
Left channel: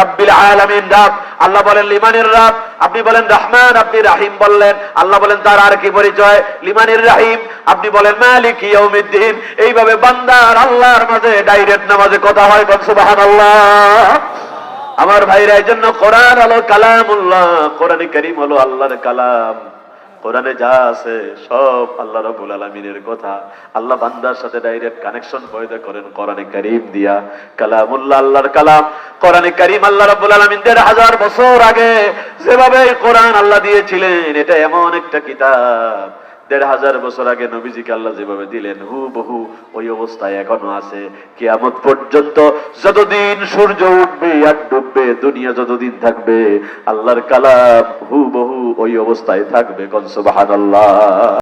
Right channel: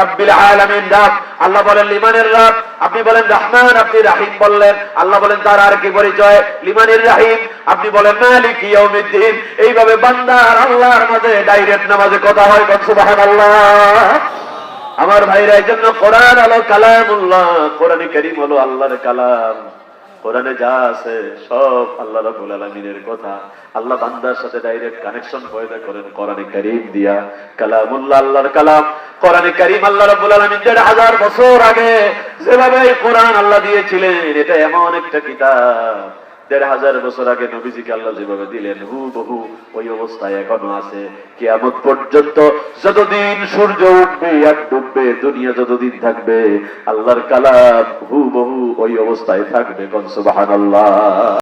রব্বিল আলামিন, রাব, আল্লাহ বলেন লিমানের রাব, আপনি বলেন রহমান, আপনি রাহিম বললেন, আল্লাহ বলেন তার আর কি পরিচয়? লিমানের রাহিম, আপনি বলেন মালিক ইয়াউমিদ্দিন, এইভাবে বান্দার আল্লাহর মাঝে ডাইরেক্ট নামাজে কথা হয় সুবহানাল্লাহ। আমার ভাইরা এই জন্য কোরআন আলো কালাম উল্লাহ কোরআনে করিম হলো আল্লাহর কালাম। কোরআনে যা আছে সব আল্লাহ রাব্বুল আলামিনের কথা। আল্লাহ বান্দার সাথে ডাইরেক্ট কানেকশন পয়দা করেন কোরআনে করিম দিয়া। কালামুল্লাহ আল্লাহর কালাম। কোরআনে করিম আল্লাহ রাব্বুল আলামিন দেড় হাজার বছর আগে যেভাবে কোরআন আল্লাহ দিয়েছিলেন, এটা এমন একটা কিতাব। দেড় হাজার বছর আগে নবীজিকে আল্লাহ যেভাবে দিলেন হু বহু ওই অবস্থায় এখনও আছে। কিয়ামত পর্যন্ত যতদিন সূর্য উঠবে আর ডুববে, দুনিয়া যতদিন থাকবে, আল্লাহর কালাম হু বহু ওই অবস্থায় থাকবে কনসবাহান আল্লাহ